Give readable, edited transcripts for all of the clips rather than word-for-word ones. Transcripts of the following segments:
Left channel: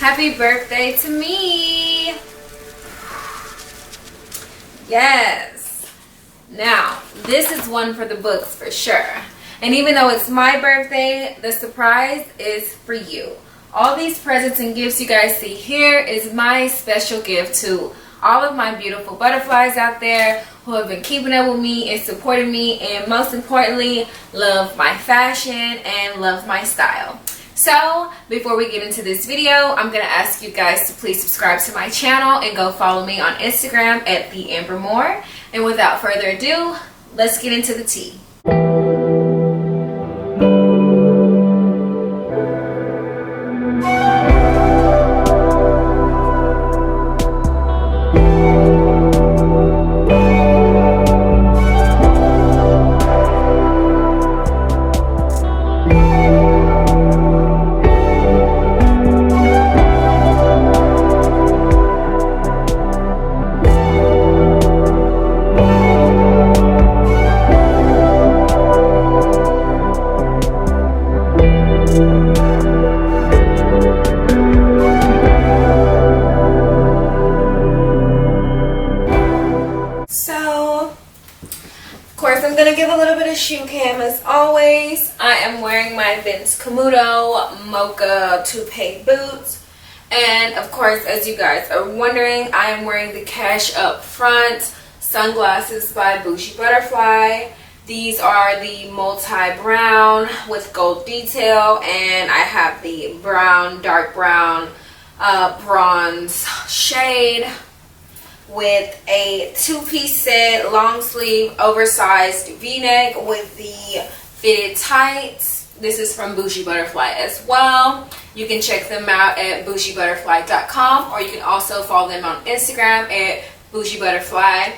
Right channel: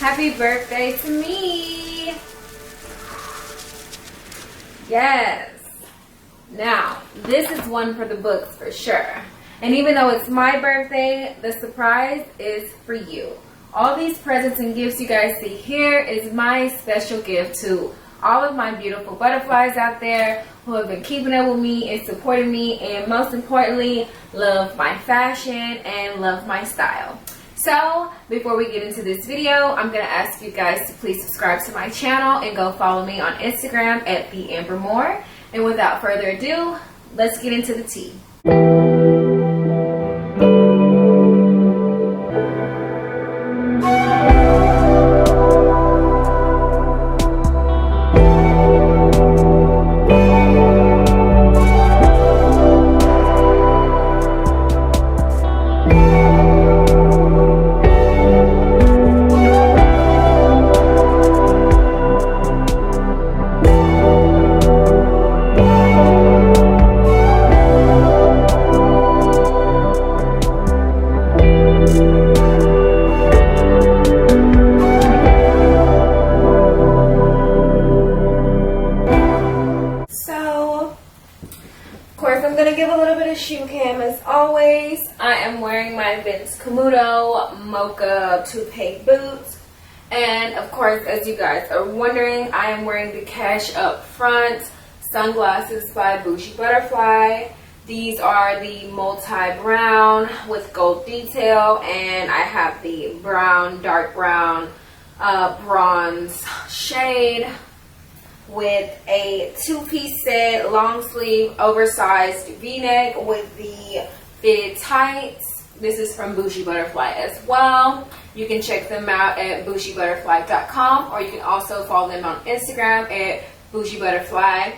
Happy birthday to me. Yes. Now, this is one for the books for sure. And even though it's my birthday, the surprise is for you. All these presents and gifts you guys see here is my special gift to all of my beautiful butterflies out there who have been keeping up with me and supporting me, and most importantly, love my fashion and love my style. So before we get into this video, I'm going to ask you guys to please subscribe to my channel and go follow me on Instagram at @theambermore. And without further ado, let's get into the tea. Shoe cam as always. I am wearing my Vince Camuto Mocha Toupee boots, and of course, as you guys are wondering, I am wearing the Cash Up Front sunglasses by Bougie Butterfly. These are the multi-brown with gold detail, and I have the brown, dark brown, bronze shade with a two-piece set, long sleeve, oversized v-neck with the fitted tights. This is from Bougie Butterfly as well. You can check them out at bougiebutterfly.com, or you can also follow them on Instagram at Bougie Butterfly.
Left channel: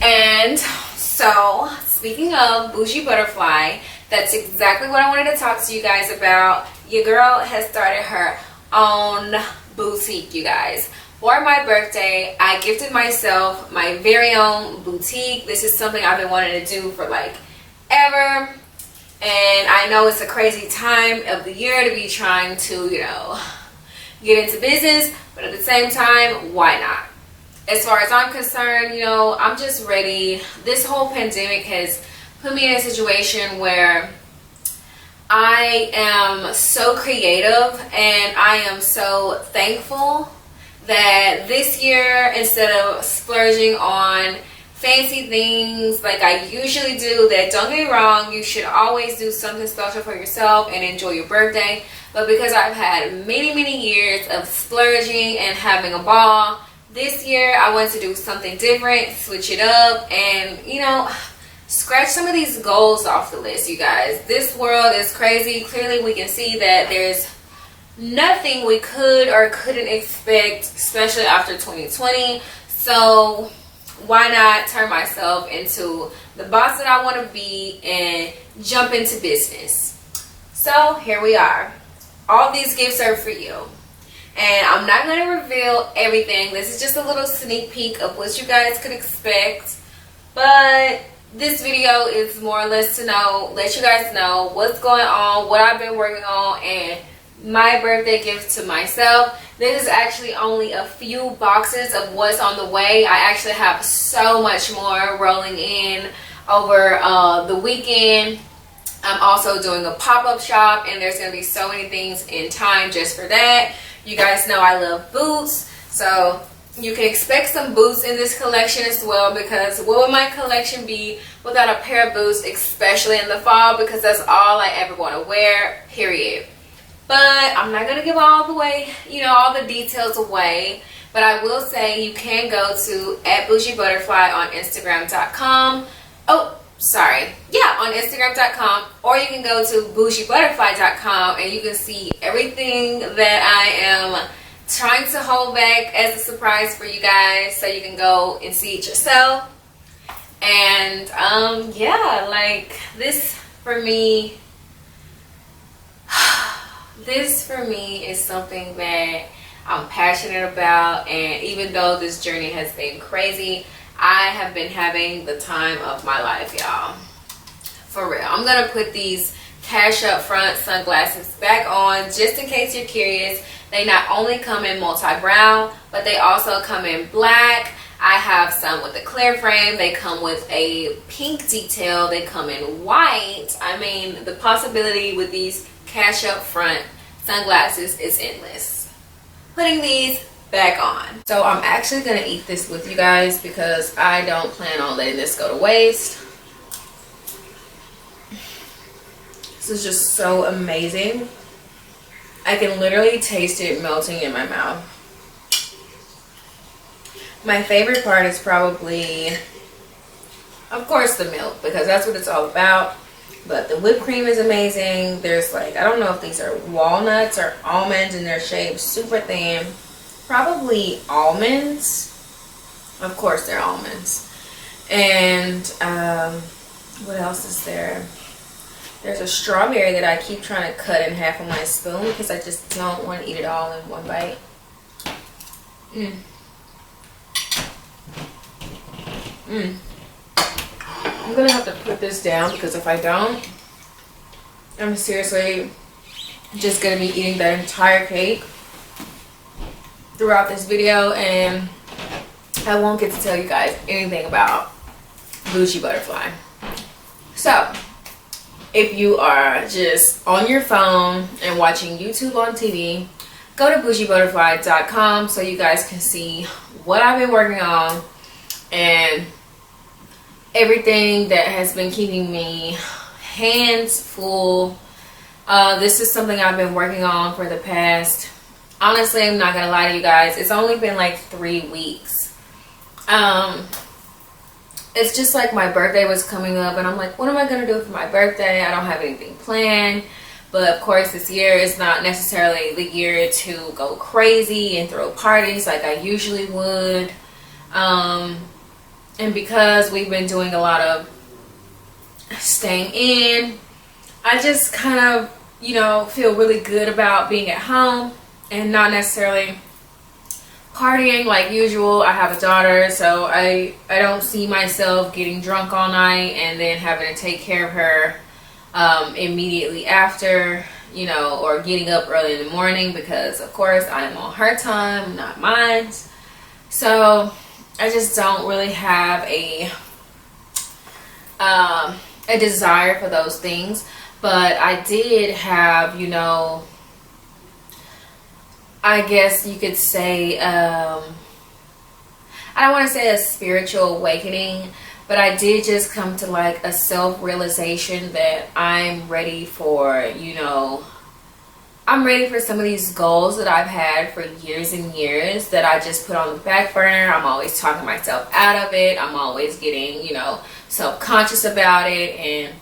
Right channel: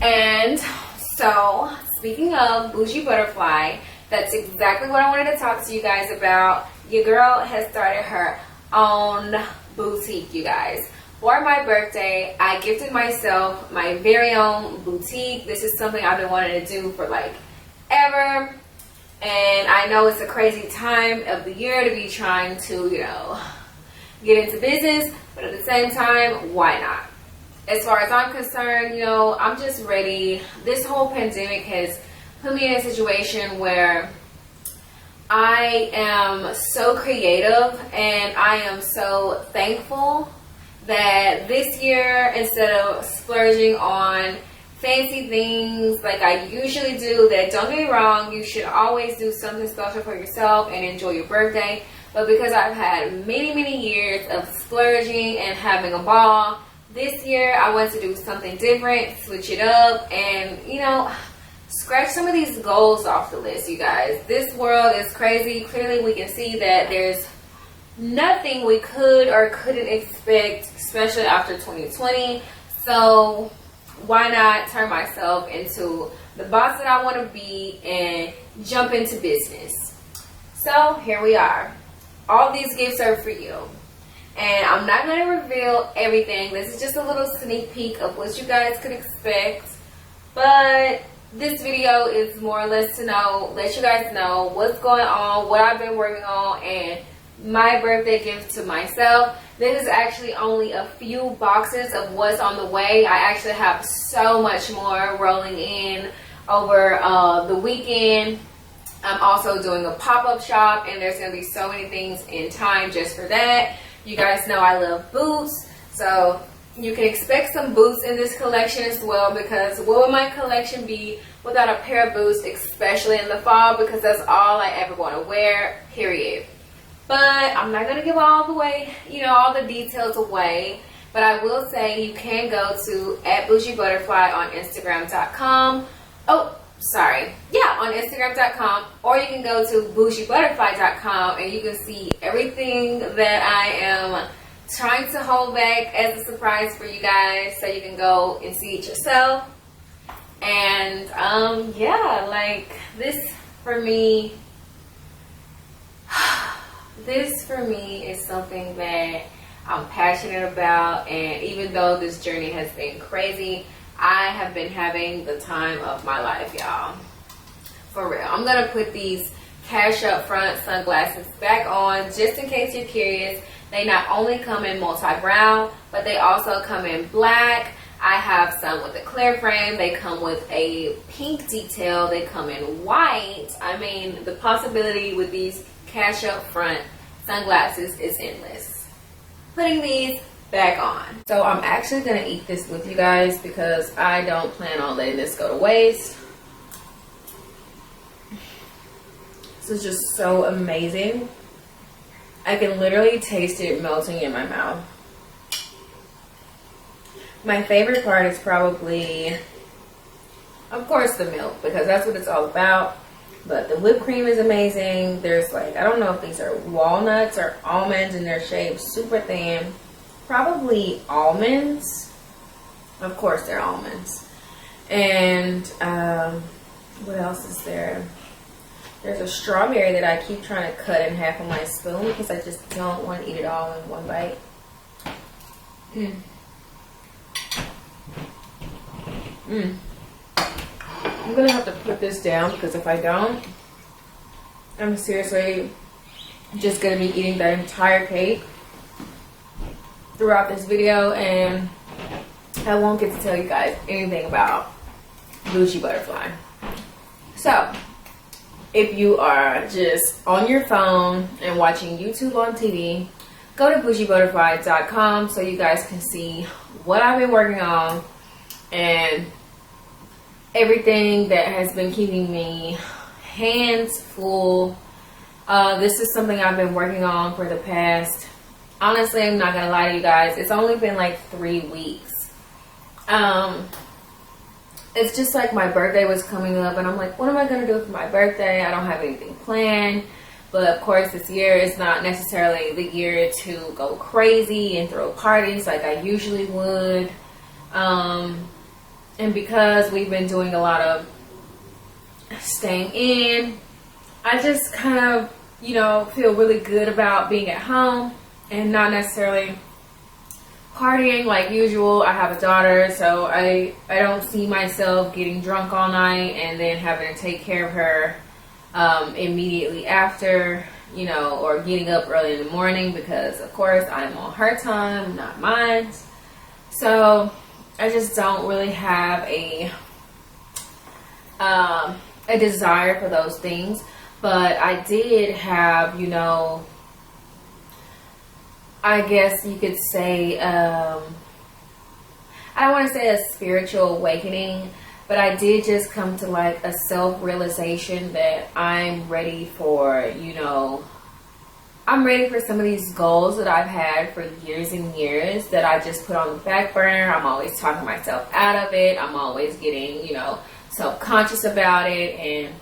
And so, speaking of Bougie Butterfly, that's exactly what I wanted to talk to you guys about. Your girl has started her own boutique, you guys. For my birthday, I gifted myself my very own boutique. This is something I've been wanting to do for like ever. And I know it's a crazy time of the year to be trying to, get into business. But at the same time, why not? As far as I'm concerned, I'm just ready. This whole pandemic has put me in a situation where I am so creative, and I am so thankful that this year, instead of splurging on fancy things like I usually do, that, don't get me wrong, you should always do something special for yourself and enjoy your birthday. But because I've had many years of splurging and having a ball, this year I wanted to do something different, switch it up, and scratch some of these goals off the list, you guys. This world is crazy. Clearly we can see that there's nothing we could or couldn't expect, especially after 2020. So why not turn myself into the boss that I want to be and jump into business? So here we are. All these gifts are for you, and I'm not going to reveal everything. This is just a little sneak peek of what you guys could expect, but this video is more or less to let you guys know what's going on, what I've been working on, and my birthday gift to myself. This is actually only a few boxes of what's on the way. I actually have so much more rolling in over the weekend. I'm also doing a pop-up shop, and there's going to be so many things in time just for that. You guys know I love boots, so you can expect some boots in this collection as well, because what would my collection be without a pair of boots, especially in the fall, because that's all I ever want to wear, period. But I'm not going to give all the details away. But I will say you can go to @bougiebutterfly on Instagram.com. On Instagram.com. Or you can go to bougiebutterfly.com, and you can see everything that I am trying to hold back as a surprise for you guys, so you can go and see it yourself. And this for me is something that I'm passionate about, and even though this journey has been crazy, I have been having the time of my life, y'all. For real. I'm gonna put these Cash Up Front sunglasses back on just in case you're curious. They not only come in multi-brown, but they also come in black. I have some with a clear frame. They come with a pink detail. They come in white. I mean, the possibility with these cash up front sunglasses is endless. Putting these back on. So I'm actually gonna eat this with you guys because I don't plan on letting this go to waste. This is just so amazing. I can literally taste it melting in my mouth. My favorite part is probably, of course, the milk, because that's what it's all about. But the whipped cream is amazing. There's like, I don't know if these are walnuts or almonds, and they're shaved super thin. Probably almonds. Of course they're almonds. And what else is there? There's a strawberry that I keep trying to cut in half on my spoon because I just don't want to eat it all in one bite. I'm gonna have to put this down because if I don't, I'm seriously just gonna be eating that entire cake throughout this video, and I won't get to tell you guys anything about Bougie Butterfly. So if you are just on your phone and watching YouTube on TV, go to bougiebutterfly.com so you guys can see what I've been working on and everything that has been keeping me hands full. This is something I've been working on for the past, honestly, I'm not gonna lie to you guys, it's only been like 3 weeks. It's just like my birthday was coming up and I'm like, what am I gonna do for my birthday? I don't have anything planned. But of course this year is not necessarily the year to go crazy and throw parties like I usually would. And because we've been doing a lot of staying in, I just kind of, you know, feel really good about being at home and not necessarily partying like usual. I have a daughter, so I don't see myself getting drunk all night and then having to take care of her immediately after, you know, or getting up early in the morning because of course I am on her time, not mine. So I just don't really have a desire for those things. But I did have, you know, I guess you could say, I don't want to say a spiritual awakening, but I did just come to like a self-realization that I'm ready for, you know, I'm ready for some of these goals that I've had for years and years that I just put on the back burner. I'm always talking myself out of it. I'm always getting, you know, self-conscious about it, and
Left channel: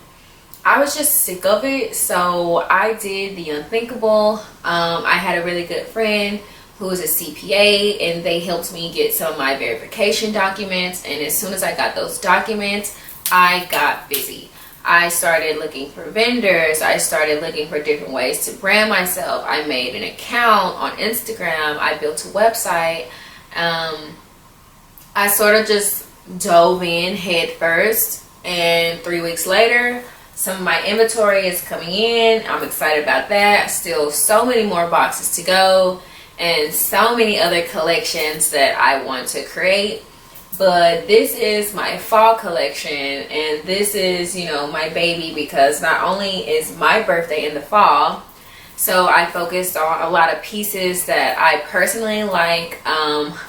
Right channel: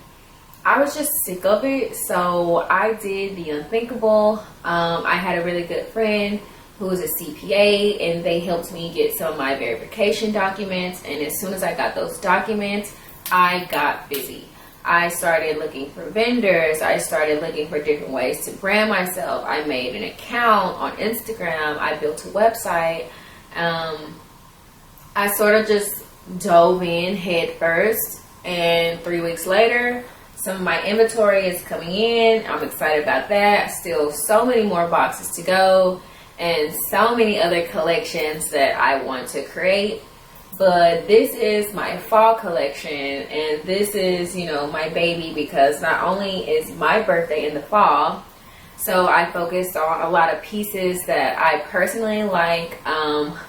I was just sick of it. So I did the unthinkable. I had a really good friend who is a CPA, and they helped me get some of my verification documents. And as soon as I got those documents, I got busy. I started looking for vendors. I started looking for different ways to brand myself. I made an account on Instagram. I built a website. I sort of just dove in head first, and 3 weeks later, some of my inventory is coming in. I'm excited about that. Still so many more boxes to go and so many other collections that I want to create. But this is my fall collection, and this is, you know, my baby, because not only is my birthday in the fall, so I focused on a lot of pieces that I personally like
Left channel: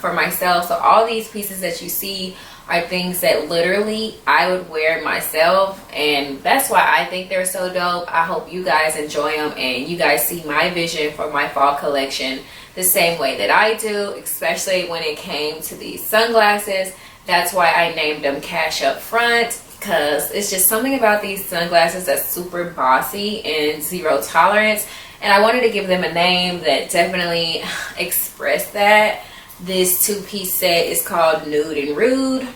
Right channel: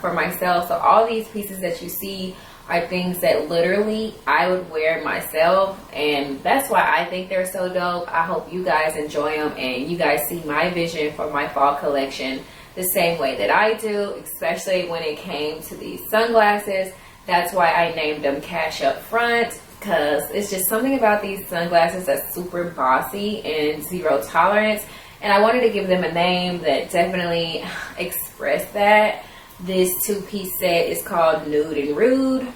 for myself. So all these pieces that you see are things that literally I would wear myself, and that's why I think they're so dope. I hope you guys enjoy them and you guys see my vision for my fall collection the same way that I do, especially when it came to these sunglasses. That's why I named them Cash Up Front, because it's just something about these sunglasses that's super bossy and zero tolerance, and I wanted to give them a name that definitely expressed that. This two-piece set is called Nude and Rude.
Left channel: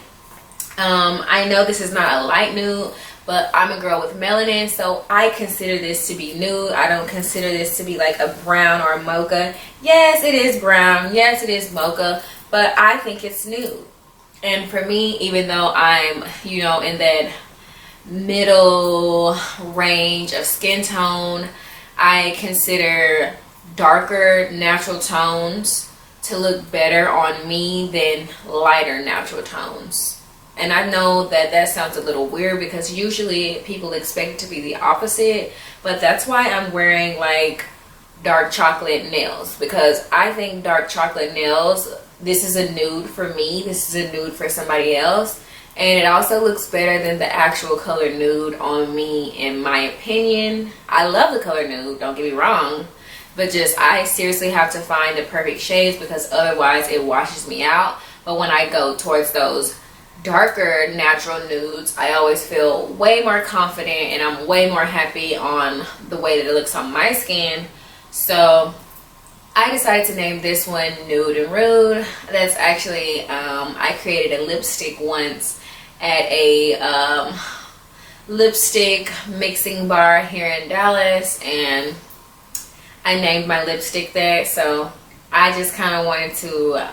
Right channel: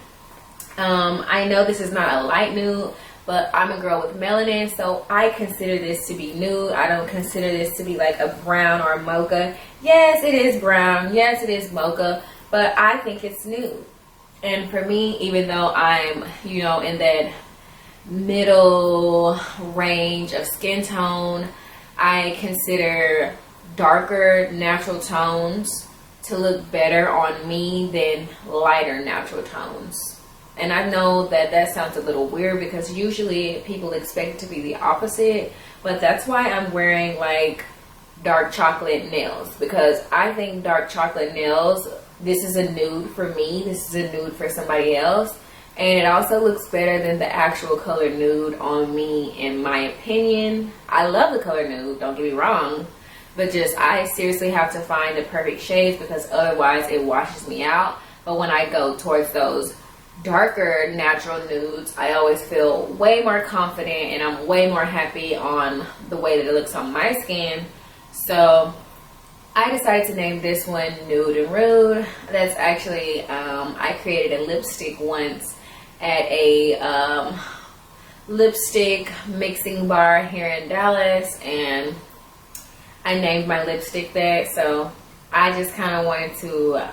I know this is not a light nude, but I'm a girl with melanin, so I consider this to be nude. I don't consider this to be like a brown or a mocha. Yes, it is brown. Yes, it is mocha, but I think it's nude. And for me, even though I'm, you know, in that middle range of skin tone, I consider darker natural tones to look better on me than lighter natural tones. And I know that that sounds a little weird because usually people expect it to be the opposite, but that's why I'm wearing like dark chocolate nails, because I think dark chocolate nails, this is a nude for me, this is a nude for somebody else, and it also looks better than the actual color nude on me, in my opinion. I love the color nude, don't get me wrong, but just I seriously have to find the perfect shades because otherwise it washes me out. But when I go towards those darker natural nudes, I always feel way more confident and I'm way more happy on the way that it looks on my skin. So I decided to name this one Nude and Rude. That's actually I created a lipstick once at a lipstick mixing bar here in Dallas, and I named my lipstick that. So I just kind of wanted to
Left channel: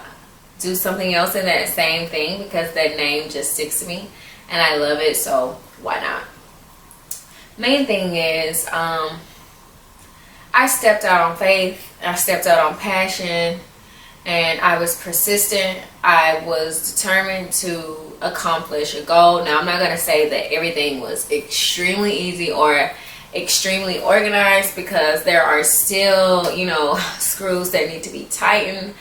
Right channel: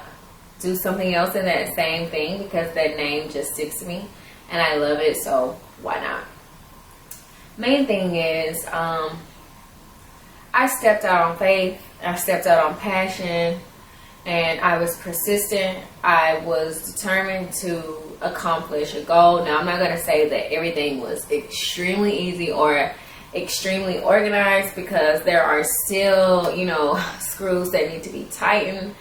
do something else in that same thing because that name just sticks to me and I love it, so why not? Main thing is I stepped out on faith, I stepped out on passion, and I was persistent. I was determined to accomplish a goal. Now I'm not going to say that everything was extremely easy or extremely organized, because there are still, you know, screws that need to be tightened.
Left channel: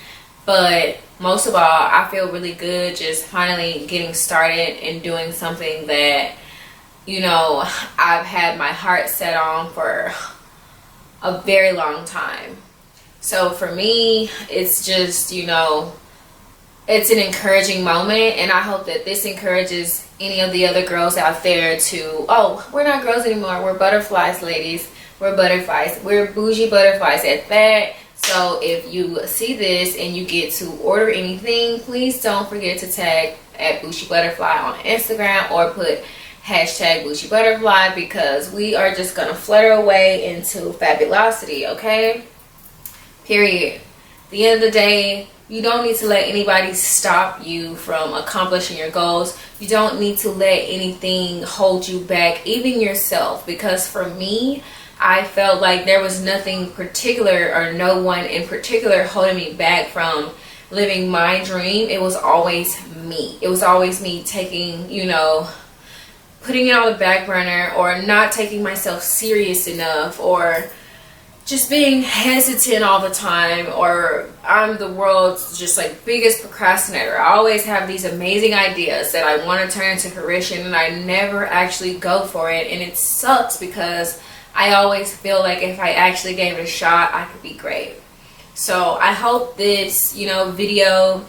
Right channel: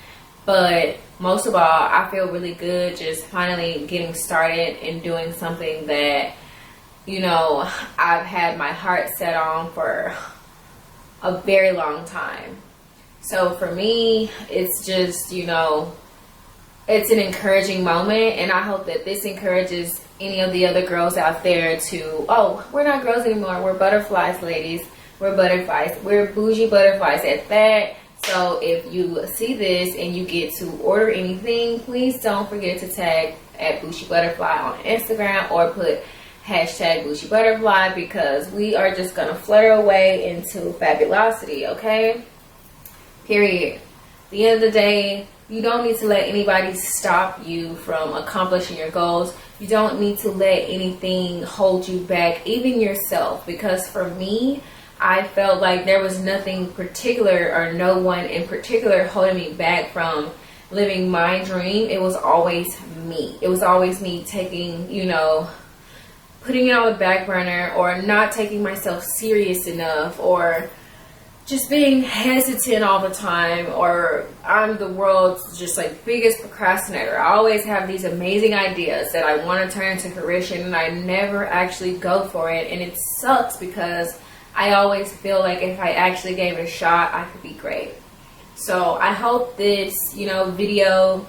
But most of all, I feel really good just finally getting started and doing something that, you know, I've had my heart set on for a very long time. So for me, it's just, you know, it's an encouraging moment, and I hope that this encourages any of the other girls out there to, oh, we're not girls anymore, we're butterflies, ladies. We're butterflies. We're bougie butterflies at that. So if you see this and you get to order anything, please don't forget to tag at Bougie Butterfly on Instagram or put hashtag Bougie Butterfly, because we are just gonna flutter away into fabulosity, okay? Period. At the end of the day, you don't need to let anybody stop you from accomplishing your goals. You don't need to let anything hold you back, even yourself, because for me, I felt like there was nothing particular or no one in particular holding me back from living my dream. It was always me. It was always me taking, you know, putting it on the back burner, or not taking myself serious enough, or just being hesitant all the time, or I'm the world's just like biggest procrastinator. I always have these amazing ideas that I want to turn into fruition, and I never actually go for it, and it sucks because I always feel like if I actually gave it a shot, I could be great. So I hope this, you know, video,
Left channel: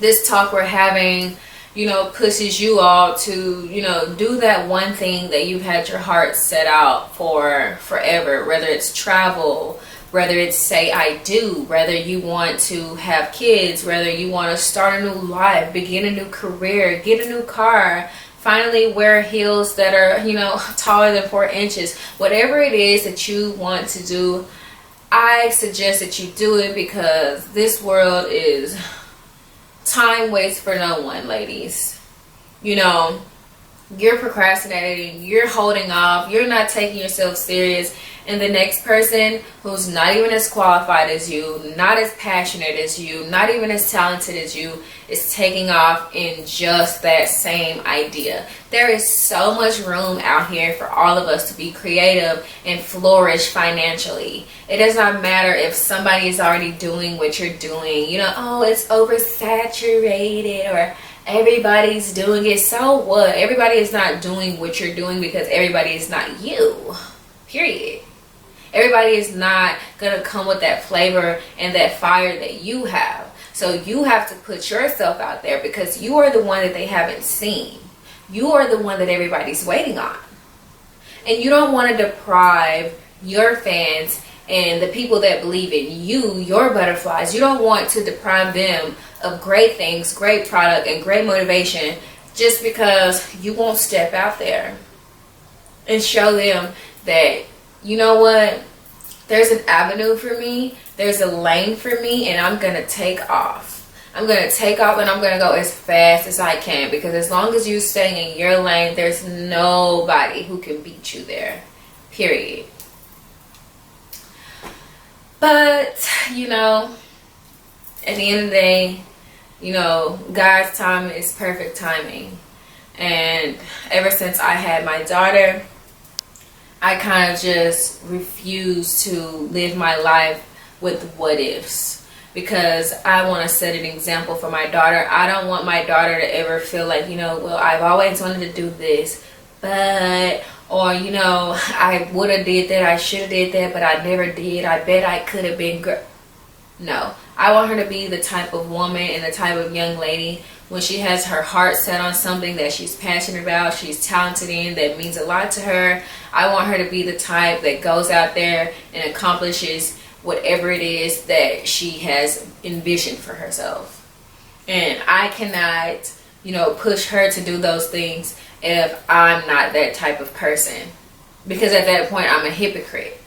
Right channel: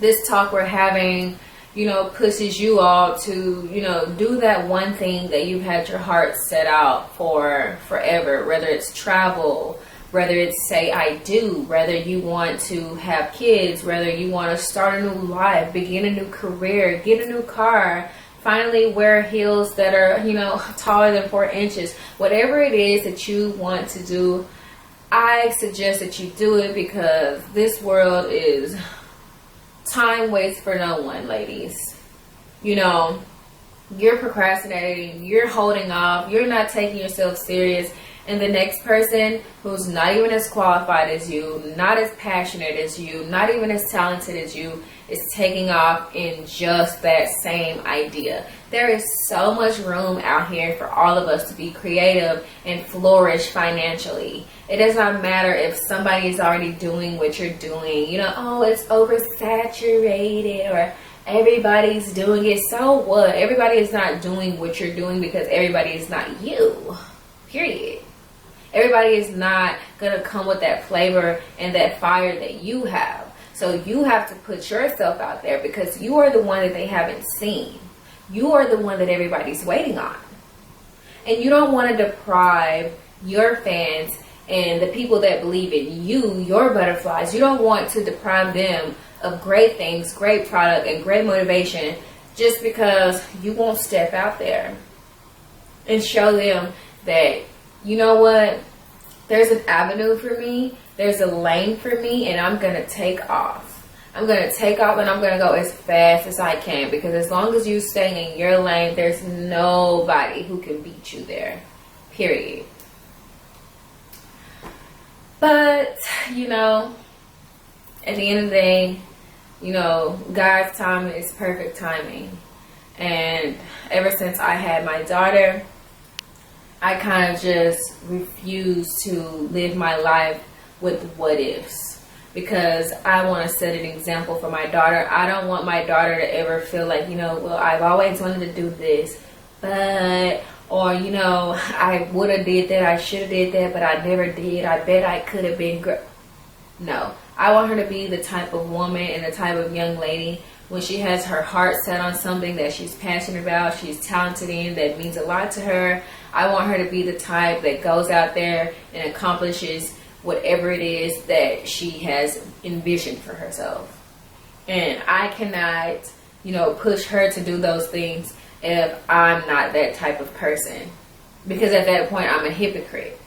this talk we're having, you know, pushes you all to, you know, do that one thing that you've had your heart set out for forever, whether it's travel, whether it's say I do, whether you want to have kids, whether you want to start a new life, begin a new career, get a new car, finally wear heels that are, you know, taller than 4 inches. Whatever it is that you want to do, I suggest that you do it, because this world is time waits for no one, ladies. You know, you're procrastinating, you're holding off, you're not taking yourself serious, and the next person who's not even as qualified as you, not as passionate as you, not even as talented as you, is taking off in just that same idea. There is so much room out here for all of us to be creative and flourish financially. It does not matter if somebody is already doing what you're doing. You know, oh, it's oversaturated, or everybody's doing it. So what? Everybody is not doing what you're doing because everybody is not you. Period. Everybody is not gonna come with that flavor and that fire that you have. So you have to put yourself out there, because you are the one that they haven't seen. You are the one that everybody's waiting on. And you don't want to deprive your fans and the people that believe in you, your butterflies, you don't want to deprive them of great things, great product, and great motivation just because you won't step out there and show them that, you know what, there's an avenue for me, there's a lane for me, and I'm going to take off. I'm going to take off, and I'm going to go as fast as I can, because as long as you stay in your lane, there's nobody who can beat you there. Period. But, you know, at the end of the day, you know, God's time is perfect timing. And ever since I had my daughter, I kind of just refuse to live my life with what ifs, because I want to set an example for my daughter. I don't want my daughter to ever feel like, you know, well, I've always wanted to do this, but, or, you know, I would have did that, I should have did that, but I never did. I bet I could have been No, I want her to be the type of woman and the type of young lady, when she has her heart set on something that she's passionate about, she's talented in, that means a lot to her. I want her to be the type that goes out there and accomplishes whatever it is that she has envisioned for herself. And I cannot, you know, push her to do those things if I'm not that type of person. Because at that point, I'm a hypocrite.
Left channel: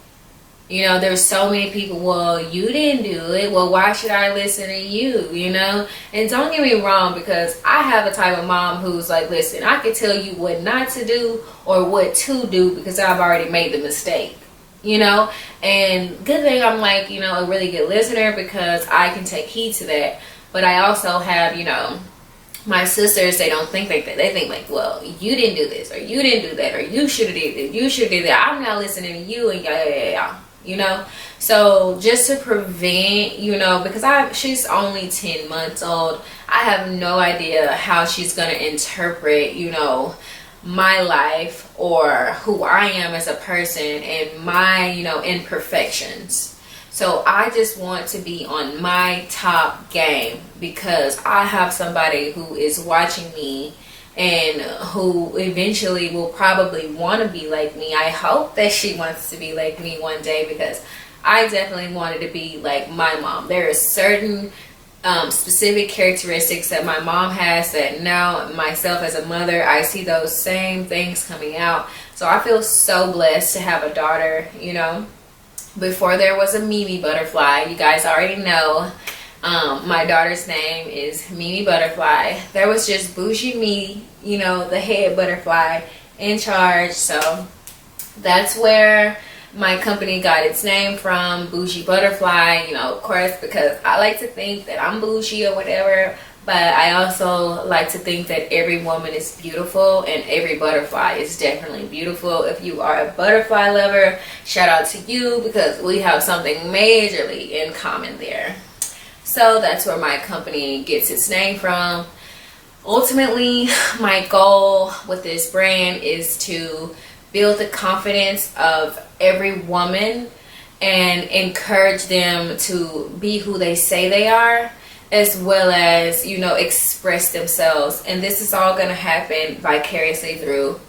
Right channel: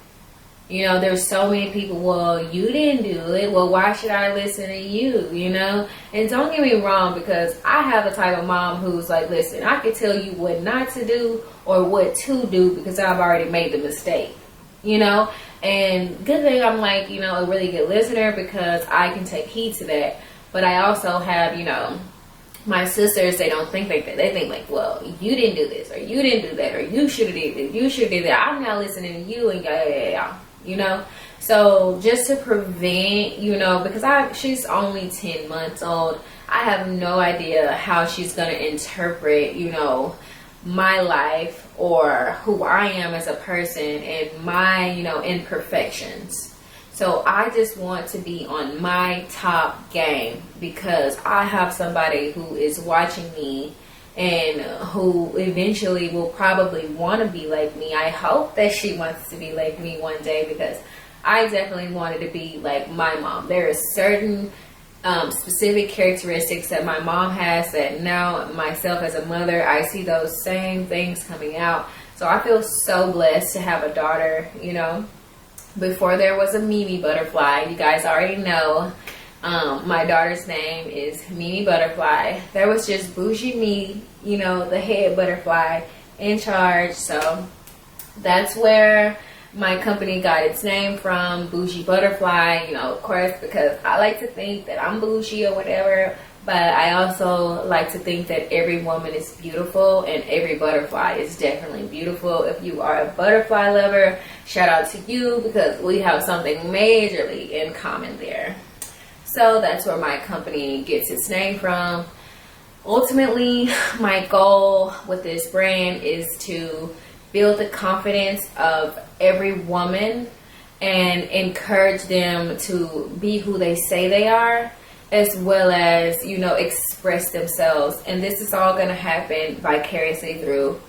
You know, there's so many people, well, you didn't do it. Well, why should I listen to you, you know? And don't get me wrong, because I have a type of mom who's like, listen, I can tell you what not to do or what to do because I've already made the mistake, you know? And good thing I'm like, you know, a really good listener, because I can take heed to that. But I also have, you know, my sisters, they don't think like that. They think like, well, you didn't do this, or you didn't do that, or you should have did this, you should have did that. I'm not listening to you, and yeah. You know, so just to prevent, you know, because she's only 10 months old, I have no idea how she's going to interpret, you know, my life or who I am as a person and my, you know, imperfections. So I just want to be on my top game, because I have somebody who is watching me and who eventually will probably want to be like me. I hope that she wants to be like me one day, because I definitely wanted to be like my mom. There are certain specific characteristics that my mom has that now myself as a mother, I see those same things coming out. So I feel so blessed to have a daughter, you know. Before there was a Mimi Butterfly, you guys already know. My daughter's name is Mimi Butterfly. There was just Bougie Me, you know, the head butterfly in charge. So that's where my company got its name from, Bougie Butterfly, you know, of course, because I like to think that I'm bougie or whatever, but I also like to think that every woman is beautiful and every butterfly is definitely beautiful. If you are a butterfly lover, shout out to you, because we have something majorly in common there. So that's where my company gets its name from. Ultimately, my goal with this brand is to build the confidence of every woman and encourage them to be who they say they are, as well as, you know, express themselves. And this is all going to happen vicariously through